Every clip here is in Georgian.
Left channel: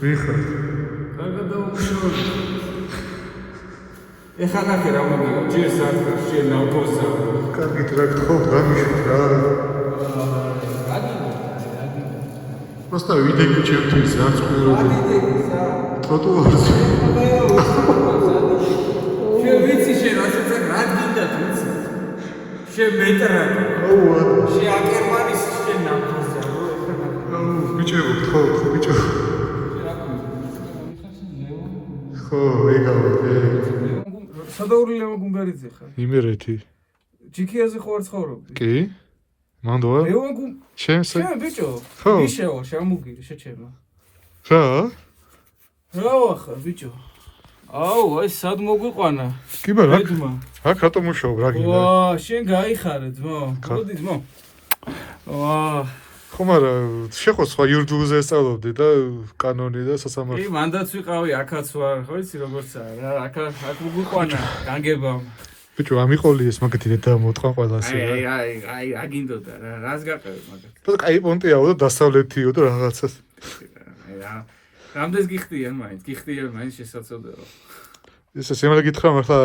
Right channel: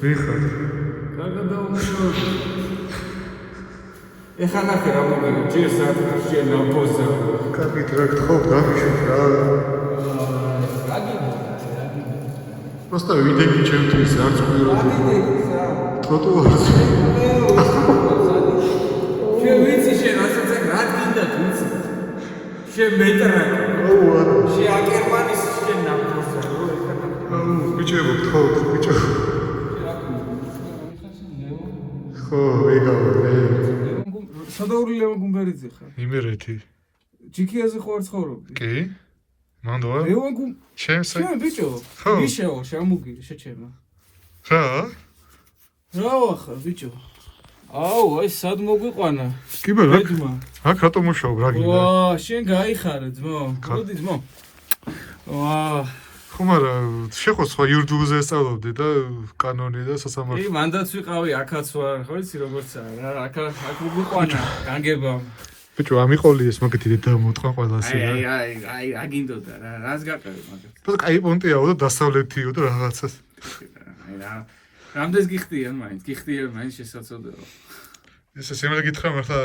Михаил. Когда он ушел. ეხლა ნახე რა მოგიო, ჯერ საათქარ, ჯერ ნაბოზარო. კარგი ტრაქ ხო, გამიშვით რა. რა გინდა. Просто ვიდეგი ჩემთვის არც ყვირო. რა ვიდეგი სა? ტროტუარზე. შენ ვიცი შენ რასაც აქ რა გინდა ვიცი. შენ მეტრაკი. აუ არა. შენ აკერმანის შენ ნაბოზარო, ეხლა ნახე. აუ ბიჭებო, ხო, ბიჭო. ხო, ეგავა, სადაური ლევან გუნგარიძე ხარ? იმერეთი. ჯიქიაზე ხო არ ცხოვრობდი? კი? მანდოა? ლევან გუნ შენ ბიჭო. ხო. მიშეო, შემოგირი, შეჩერმა. რა? რა ვახარ, ბიჭო? აუ, აი სად მოგვიყვანა? კი ბერა. აქ რატომ მუშაობ რა გინდა? ვა, შენ გაიხარე ძმო. მოდი ძმო. ვა. ხომ არა, შეხო სხვა იურდულზე სწავლობდი და კანონი და სასამართლო. კი, მანდაც ვიყავი, აქაც ვარ, ხო იცი როგორცაა რა, აქ მოგვიყვანა განგებამ. ბიჭო, ამიყოლი ეს მაგათი და მოტყვა ყველას რა. აი, აგინდოდა რა, რას გაყევი მაგათ. და კაი პონტიაო და დასავლეთიო და რაღაცას. აი რა. რამდენს გიხდიან მაინც, გიხდიან მაინც შესაძლებელია. ეს სიმართლე გითხრა, მართლა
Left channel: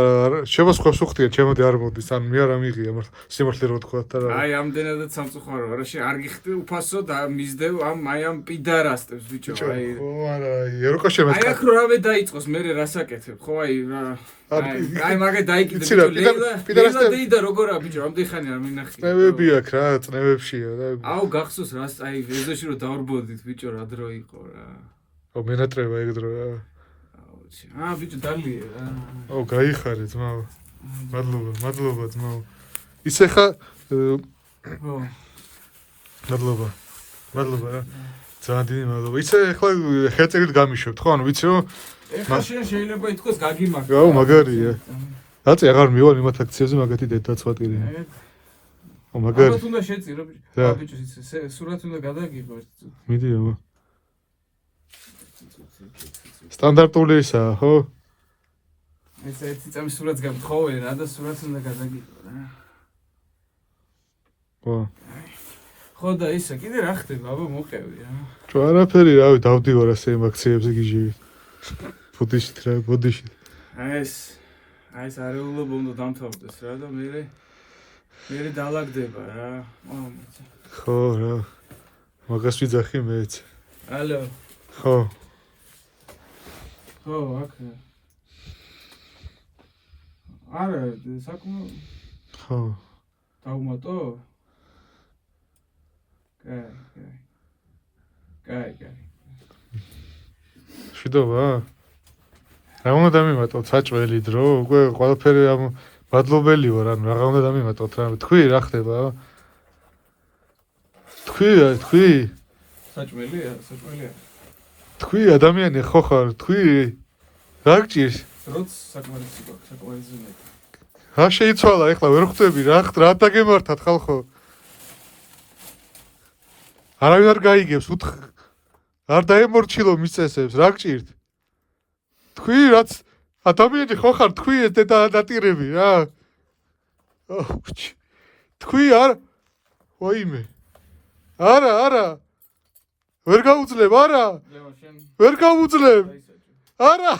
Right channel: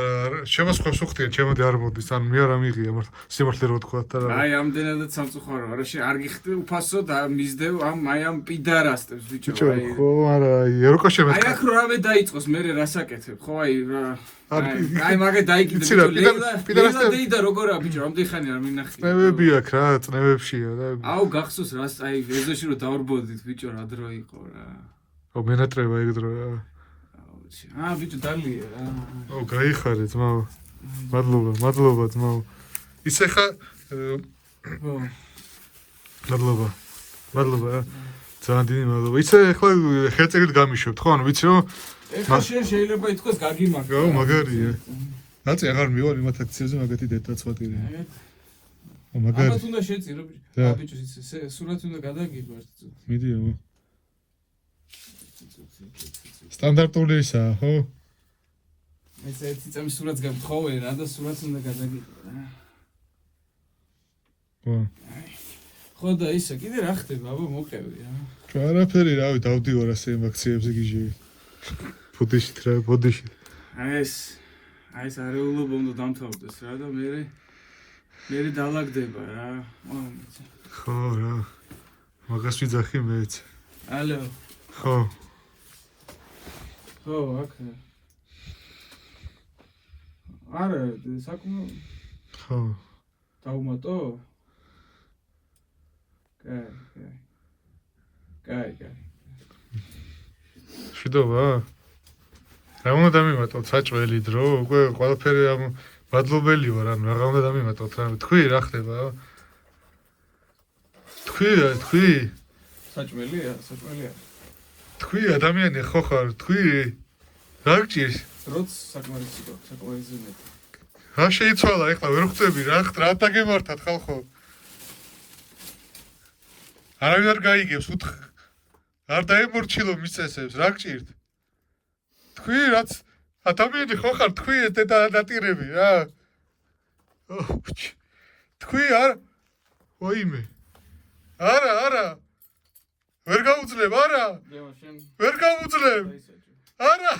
შევა სხვა სუხტია, ჩემოდი არ მოდის, ან მე არ ამიღია, მართლა სიმართლე რო თქვა და რა. აი, ამდენადაც სამწუხარო, არა შე არ გიხდი უფასო და მისდევ ამ პიდარასტებს ბიჭო, აი. ხო, არა, ეროკაშემეს. აი, აქ რავე დაიწყოს, მე რასაკეთებ, ხო, აი რა. აი, მაგე დაიკიდე პიდარასტები და როგორა ბიჭო, ამდენ ხანი არ მინახია. წნევები აქ რა, წნევებშია და. აუ, გახსოვს რას, აი, ეზოში რო დავარბოდით ბიჭო, რა დრო იყო რა. ო, მენატრება ეგ დრო რა. ბიჭო დალია რა. ო, გაიხარე ძმაო. მადლობა ძმაო. ისე ხა ხო. მადლობა. ძალიან დიდი მადლობა. ისე ხა ხელწერით გამიშვებთ, ხო? ანუ ვიცი რომ ეხლა შენ შეიძლება ითქვას გაგიმაგრე. აუ, მაგარია. რატო აღარ მივალ იმათ აქციებზე მაგათი დედაცვატილი. ო, მაგარი. ალბათ უნდა შეწირო ბიჭო. ბიჭო, სურათი უნდა გადაგიღო ერთ წუთი. მიდი აბა. სტანდარტული ისაა, ხო? ეს ერთი წამის სურათს გამთხოვე რა და სურათს უნდა გადაგიღო რა. ხო. ხო და ისა კიდე რა ხდება, აბა მოყევი რა. თუ არაფერი, რავი, დავდივარ ასე იმ აქციებზე გიჟივი. ბოდიშით რა, ბოდიში. აი ეს არეულობა უნდა დამთავრდეს რა და მე დალაგდება რა. ხო რა. მაგას ვიძახი მეც. ალო. ხო. ხო, აქ. არა, საკმო. ხო. დავუმატო? კაი. შედოვა? რა უნდა დამიმატოთ საჭველი დრო? უკვე ყველაფერი ამ მადლობელი ვარ, ანუ რა უნდა დამიმატოთ რა? თქვი რა ხდება? თქვი. საჭველია. თქვი ადამიანი ხო ხარ? თქვი. რა გჭირს? როც საკმარისი მეტი. რა შეიცვალა ეხლა ვერ ხვდები რა დაგემართათ ხალხო? არავინ არ გაიგებს, არ დაემორჩილო მის წესებს, რა გჭირთ? თქვი რაც ადამიანი ხო ხარ, თქვი ეს დატირები რა. თქვი არ ვაიმე. არა. ვერ გაუძლებ, არა. ვერ გაუძლებ. არა.